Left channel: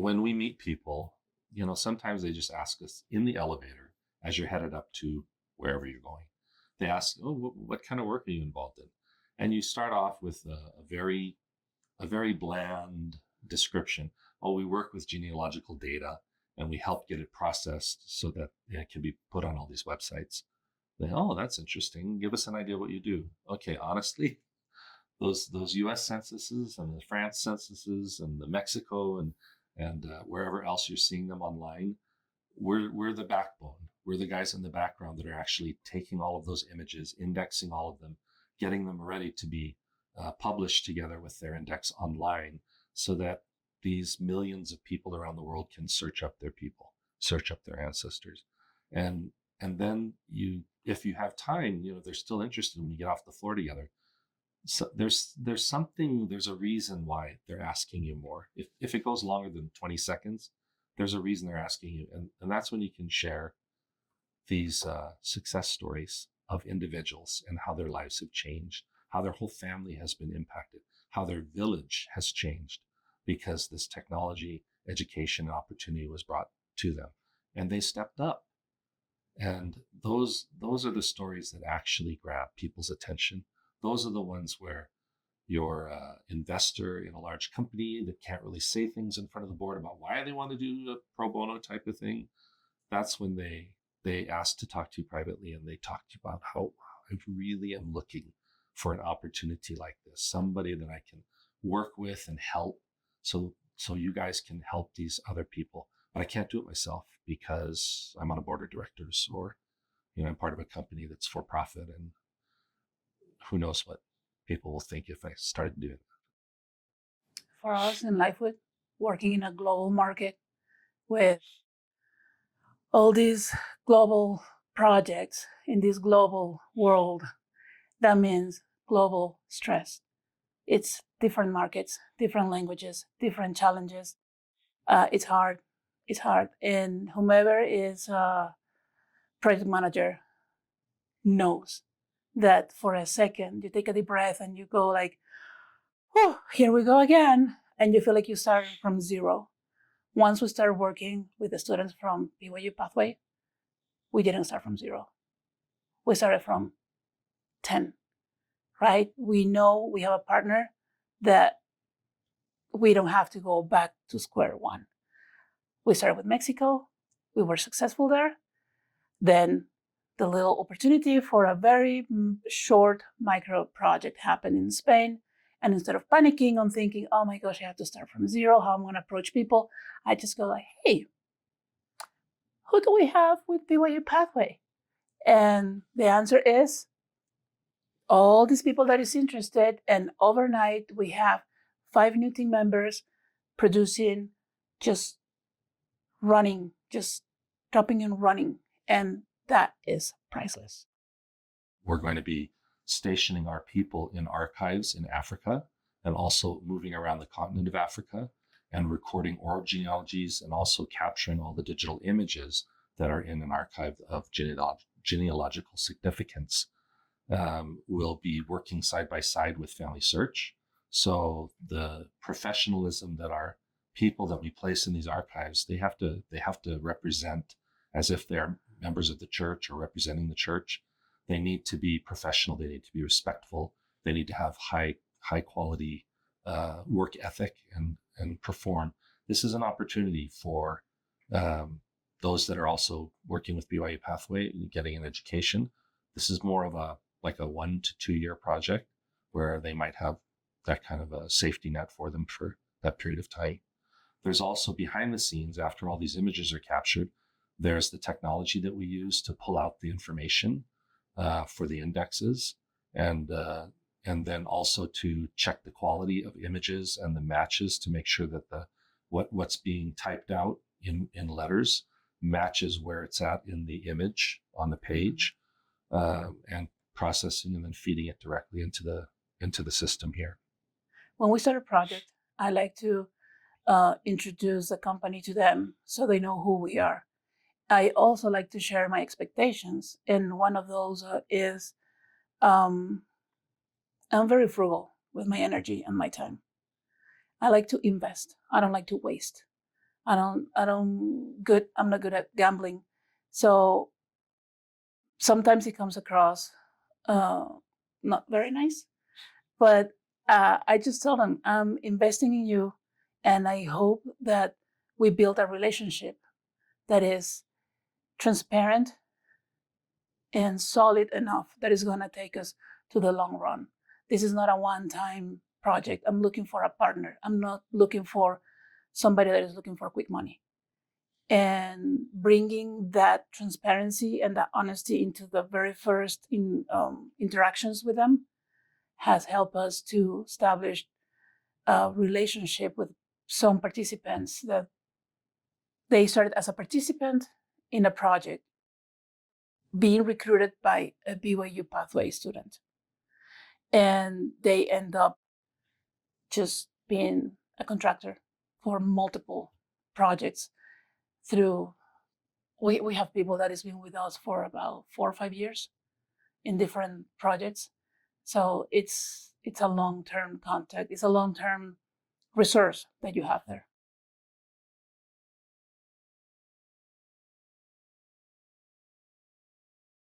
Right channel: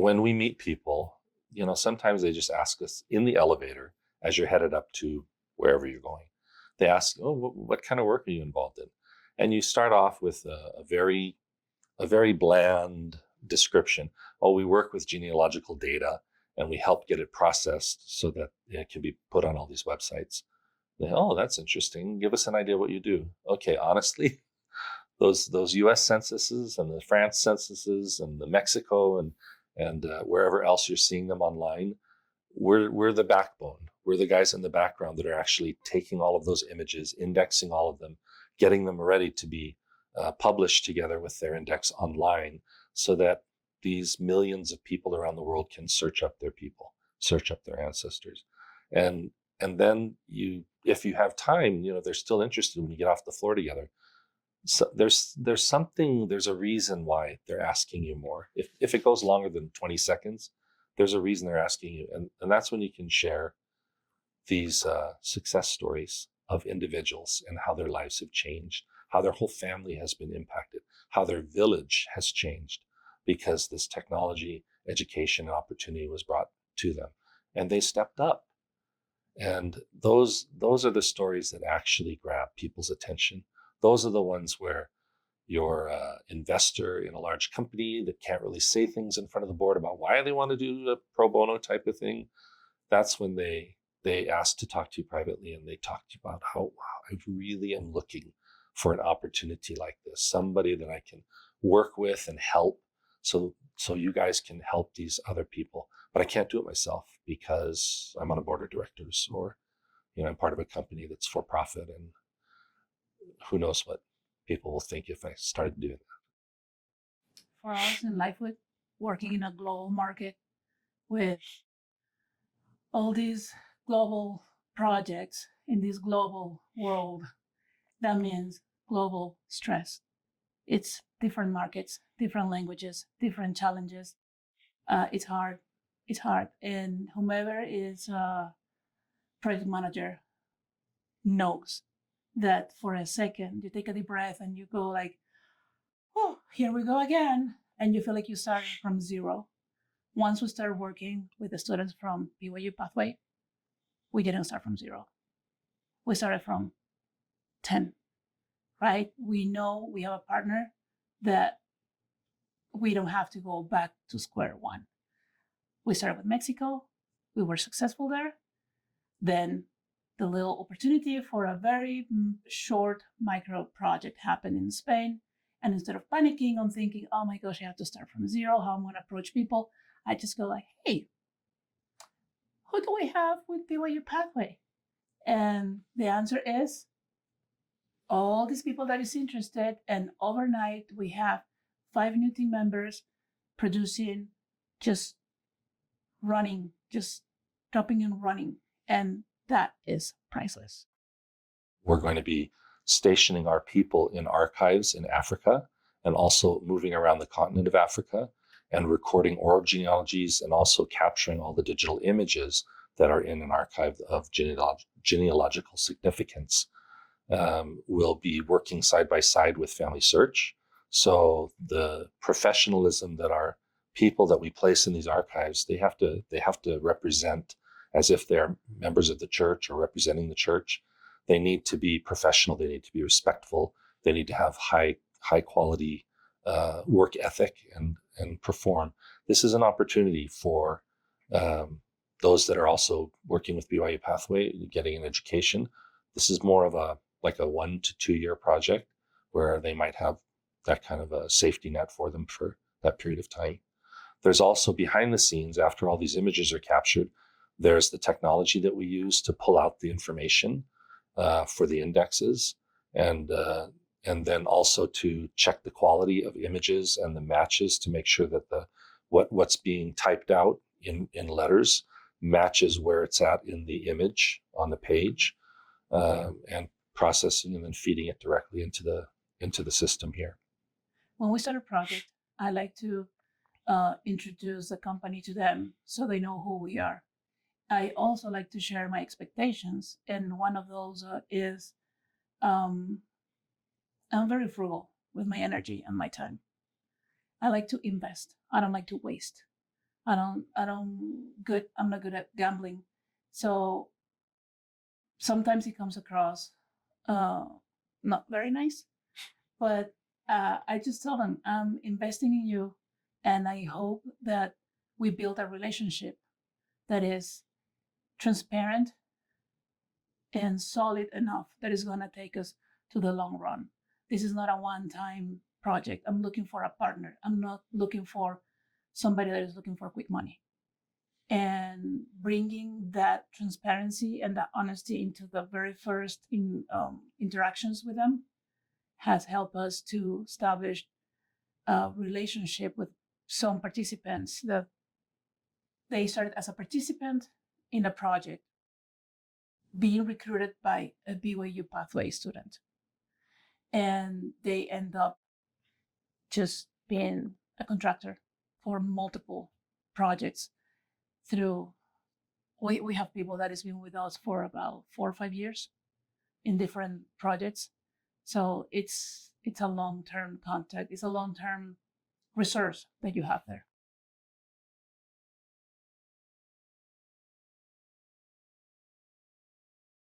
when we meet people, sometimes they just ask us in the elevator as you're headed up to wherever you're going. They ask, "Oh, what kind of work are you involved in?" And you start off with a very bland description. "Oh, we work with genealogical data and we help get it processed so that it can be put on all these websites." "Oh, that's interesting. Give us an idea what you do." "Okay, honestly, those U.S. censuses and the France censuses and the Mexico and wherever else you're seeing them online, we're the backbone. We're the guys in the background that are actually taking all of those images, indexing all of them, getting them ready to be published together with their index online, so that these millions of people around the world can search up their people, search up their ancestors, and then if you have time, they're still interested when you get off the floor together. So there's a reason why they're asking you more. If it goes longer than 20 seconds, there's a reason they're asking you. And that's when you can share these success stories of individuals and how their lives have changed, how their whole family has been impacted, how their village has changed because this technology, education, and opportunity was brought to them. And they stepped up. And those are the stories that actually grab people's attention. Those are the ones where you're an investor in a large company that can't really say things in front of the board about why they want to do a pro bono type of thing. That's when they ask to talk to you privately, and they talk to you about how, wow, I really am looking for an opportunity like this, somebody that I can work with and help, so you guys can help these other people. But I can't do it myself because I'm on a board of directors, or I'm part of a company that's for profit, and who knows what people will think if I started doing that. For us in LifeWood, working in a global market with all these global projects in this global world, that means global stress. It's different markets, different languages, different challenges. It's hard. It's hard. And whomever is a project manager knows that for a second you take a deep breath and you go like, "Oh, here we go again," and you feel like you started from zero. Once we started working with the students from BYU-Pathway, we didn't start from zero. We started from 10, right? We know we have a partner that we don't have to go back to square one. We started with Mexico. We were successful there. Then the little opportunity for a very short micro project happened in Spain. And instead of panicking on thinking, "Oh my gosh, I have to start from zero, how I'm going to approach people," I just go like, "Hey, who do we have with BYU Pathway?" And the answer is all these people that is interested. And overnight, we have 5 new team members producing, just running, just dropping and running. And that is priceless. We're going to be stationing our people in archives in Africa, and also moving around the continent of Africa and recording oral genealogies, and also capturing all the digital images that are in an archive of genealogical significance. We'll be working side by side with Family Search. So the professionalism that our people that we place in these archives, they have to represent as if they're members of the church or representing the church. They need to be professional. They need to be respectful. They need to have high quality work ethic and perform. This is an opportunity for those that are also working with BYU Pathway, getting an education. This is more of a 1 to 2 year project where they might have that kind of a safety net for them for that period of time. There's also behind the scenes, after all these images are captured, there's the technology that we use to pull out the information for the indexes, and then also to check the quality of images and the matches to make sure that what's being typed out in letters matches where it's at in the image on the page, and processing and then feeding it directly into the system here. When we start a project, I like to introduce the company to them so they know who we are. I also like to share my expectations, and one of those is I'm very frugal with my energy and my time. I like to invest. I don't like to waste. I'm not good at gambling. So sometimes it comes across uh, not very nice. But I just tell them, I'm investing in you, and I hope that we build a relationship that is transparent and solid enough that is going to take us to the long run. This is not a one-time project. I'm looking for a partner. I'm not looking for somebody that is looking for quick money. And bringing that transparency and that honesty into the very first interactions with them has helped us to establish a relationship with some participants that they started as a participant in a project being recruited by a BYU-Pathway student. And they end up just being a contractor for multiple projects through, we have people that has been with us for about 4 or 5 years in different projects. So it's a long-term contact. It's a long-term resource that you have there.